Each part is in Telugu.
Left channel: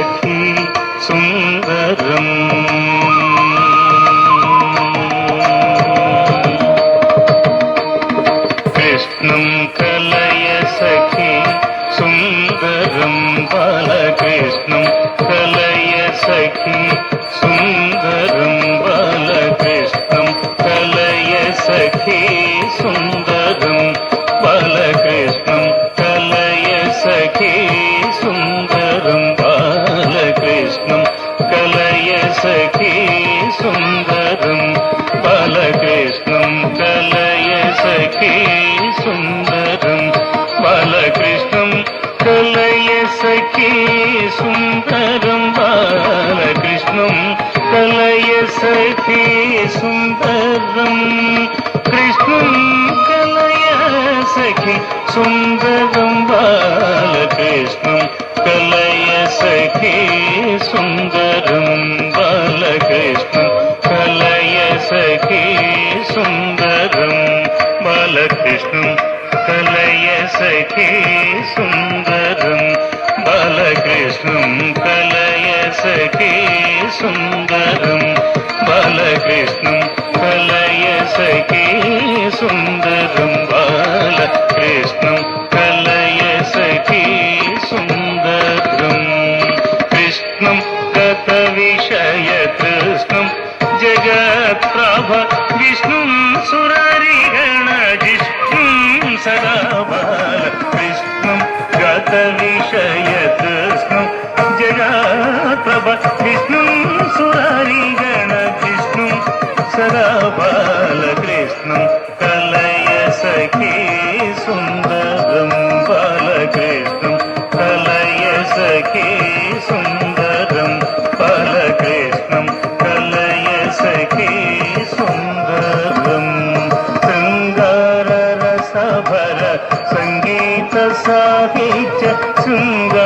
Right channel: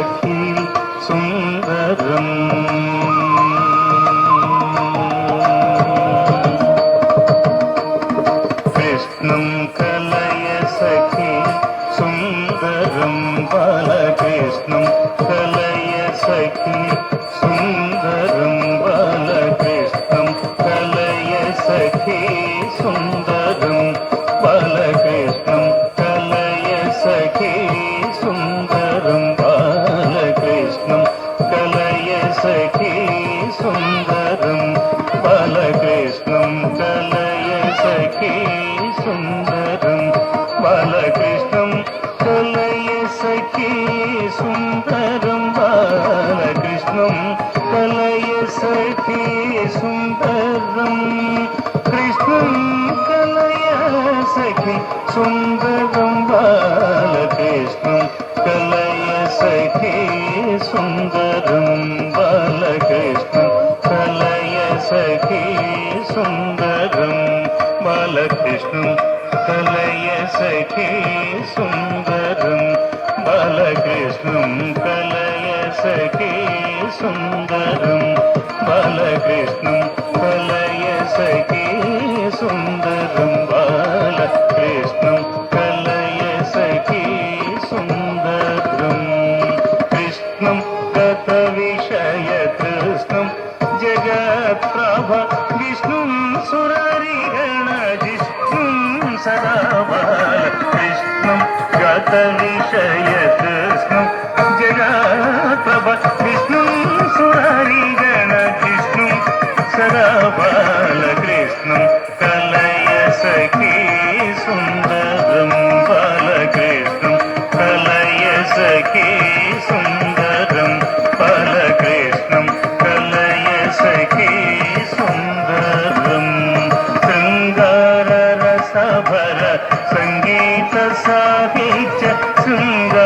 सखी सुन्दरम् कृष्णं कलय सखी सुन्दरं बालकृष्णं कलय सखी सुन्दरं बालकृष्णं कलय सखी सुन्दरं बालकृष्णं कलय सखी सुन्दरं बालकृष्णं कलय सखी सुन्दरं बालकृष्णं कलय सखी सुन्दरं बालकृष्णं कलय सखी सुन्दरं बालकृष्णं कलय सखी सुन्दरं कृष्णं कलय सखी सुन्दरं बालकृष्णं कलय सखी सुन्दरं बालकृष्णं कलय सखी सुन्दरं बालकृष्णं कलय सखी सुन्दरं बालकृष्णं कलय सखी सुन्दरं बालकृष्णं कलय सखी सुन्दरं बालकृष्णं कलय सखी सुन्दरं कृष्णं गतविषयकृष्णं जगत्प्रभ विष्णुं सुररिगणजिष्णुं सदा बालकृष्णं गतविषयकृष्णं जगत्प्रभ विष्णुं सुररिगणजिष्णुं सदा बालकृष्णं कलय सखी सुन्दरं बालकृष्णं कलय सखी सुन्दरं बालकृष्णं कलय सखी सुन्दरं शृङ्गाररसभर सङ्गीत साहित्य शृङ्गाररसभर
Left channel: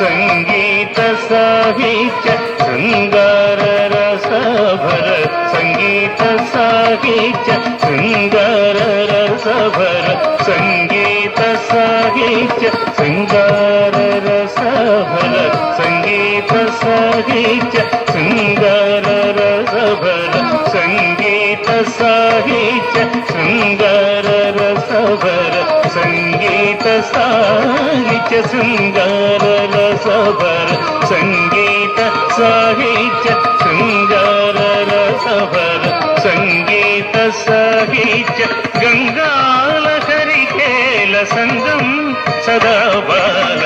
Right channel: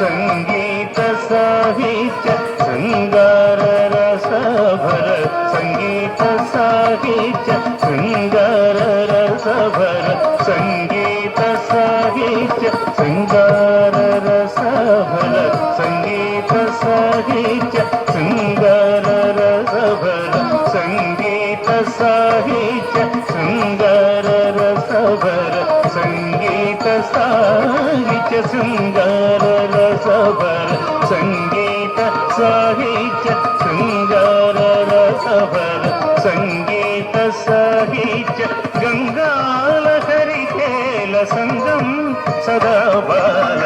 सङ्गीत साहित्य शृङ्गार रसभर सङ्गीत साहित्य शृङ्गार रसभर सङ्गीत साहित्य शृङ्गार रसभर सङ्गीत साहित्य शृङ्गार रसभर सङ्गीत साहित्य शृङ्गार रसभर सङ्गीत साहित्य शृङ्गार रसभर सङ्गीत साहित्य शृङ्गार रसभर सङ्गीत साहित्य शृङ्गार रसभर सङ्गीत साहित्य गङ्गालहरिकेल सङ्गं सदा बाल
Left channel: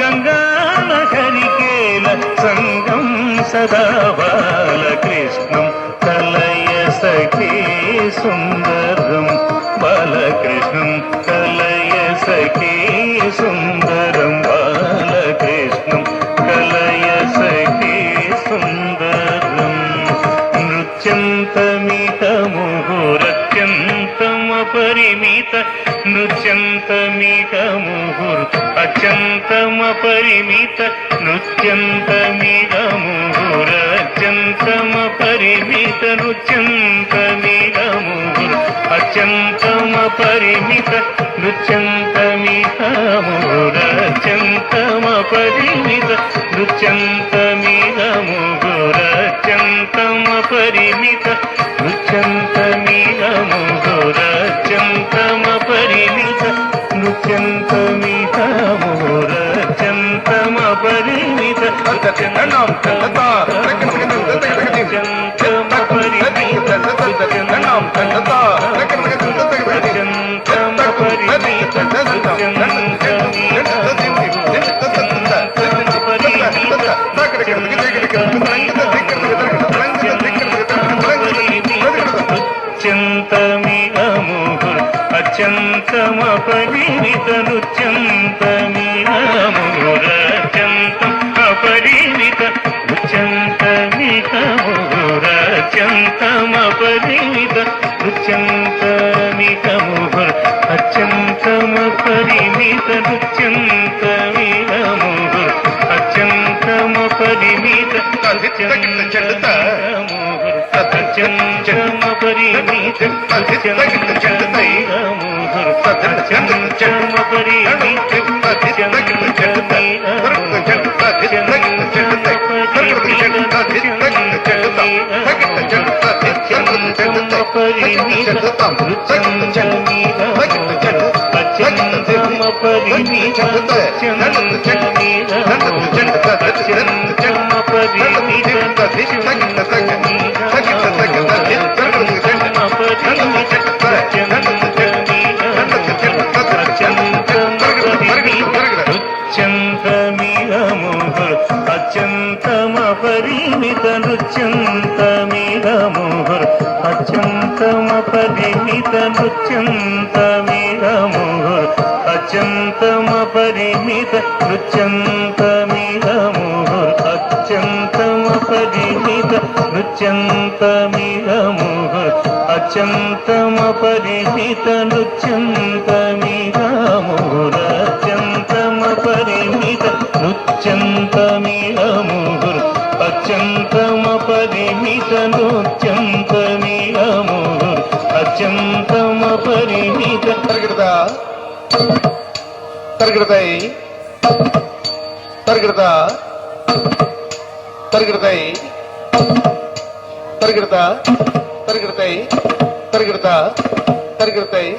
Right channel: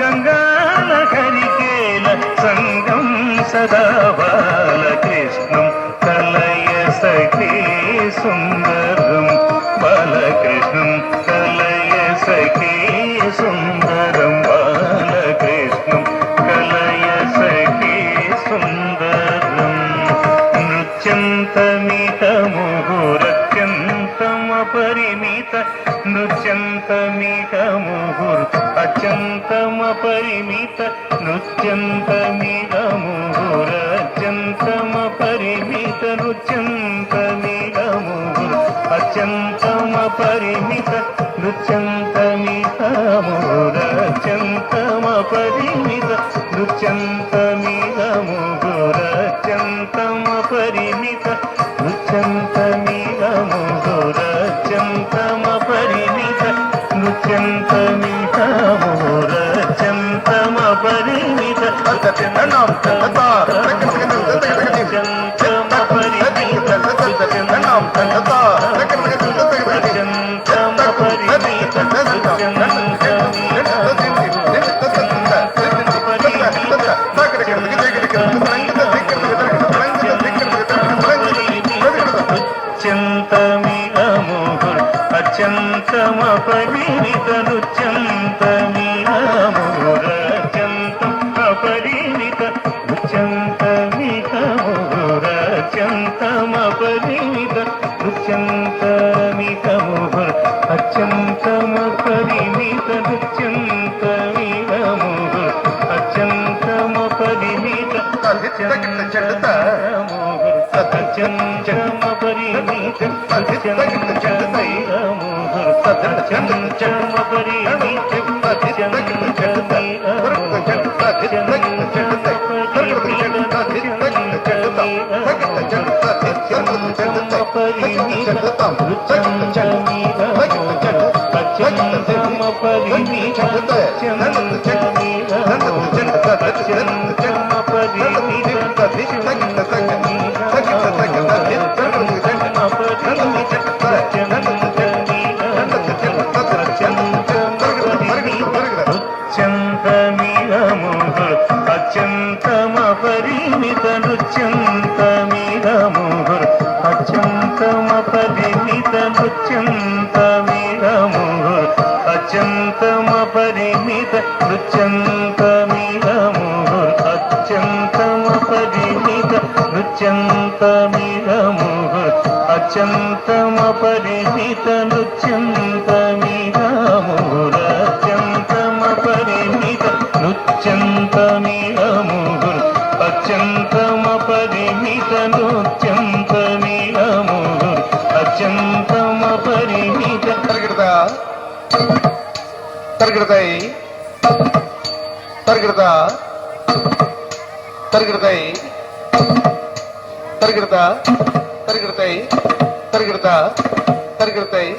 गङ्गालहरिकेल सङ्गं सदा बालकृष्णं कलय सखी सुन्दरं बालकृष्णं कलय सखी सुन्दरं बालकृष्णं कलय सखी सुन्दरं नृत्यन्तमितमुहुरत्यन्तमपरिमित नृत्यन्तमितमुहुर् अत्यन्तमपरिमित नृत्यन्तमितमुहुरत्यन्तमपरिमित नृत्यन्तमितमुहुर् अत्यन्तमपरिमित नृत्यन्तमितमुहुरत्यन्तमपरिमित नृत्यन्तमितमुहुरत्यन्तमपरिमित नृत्यन्तमितमुहुरत्यन्तमपरिमित नृत्यन्तमितमुहुरत्यन्तमपरिमित अत्यन्तमपरिमित नृत्यन्तमितमुहुरत्यन्तमपरिमित नृत्यन्तमितमुहुरत्यन्तमपरिमित नृत्यन्तमितमुहुर अत्यन्तमपरिमित नृत्यन्तमितमुहुर अत्यन्तमपरिमित नृत्यन्तमुहुर अत्यन्तमपरिमित नृत्यन्तमितमुहुर అత్యంతమ పరిమిత అత్యంతమ పరిమిత నృత్యంతమిదముహుర్ అత్యంతమ పరిమిత నృత్యంతమిదముహుర్ అత్యంతమ పరిమిత నృత్యంతమిదముహుర్ అత్యంతమ పరిమిత నృత్యంతమిదముహుర్ అత్యంతమ పరిమిత నృత్యంతమిదముహుర్ అత్యంతమ పరిమిత నృత్యంతమిదముహుర్ అత్యంతమ పరిమిత నృత్యంతమిదముహుర్ అత్యంతమ పరిమిత తరగడతాయి తరగడతా తరగడతాయి తరగడతా తరగడతాయి తరగడతా తరగడతాయి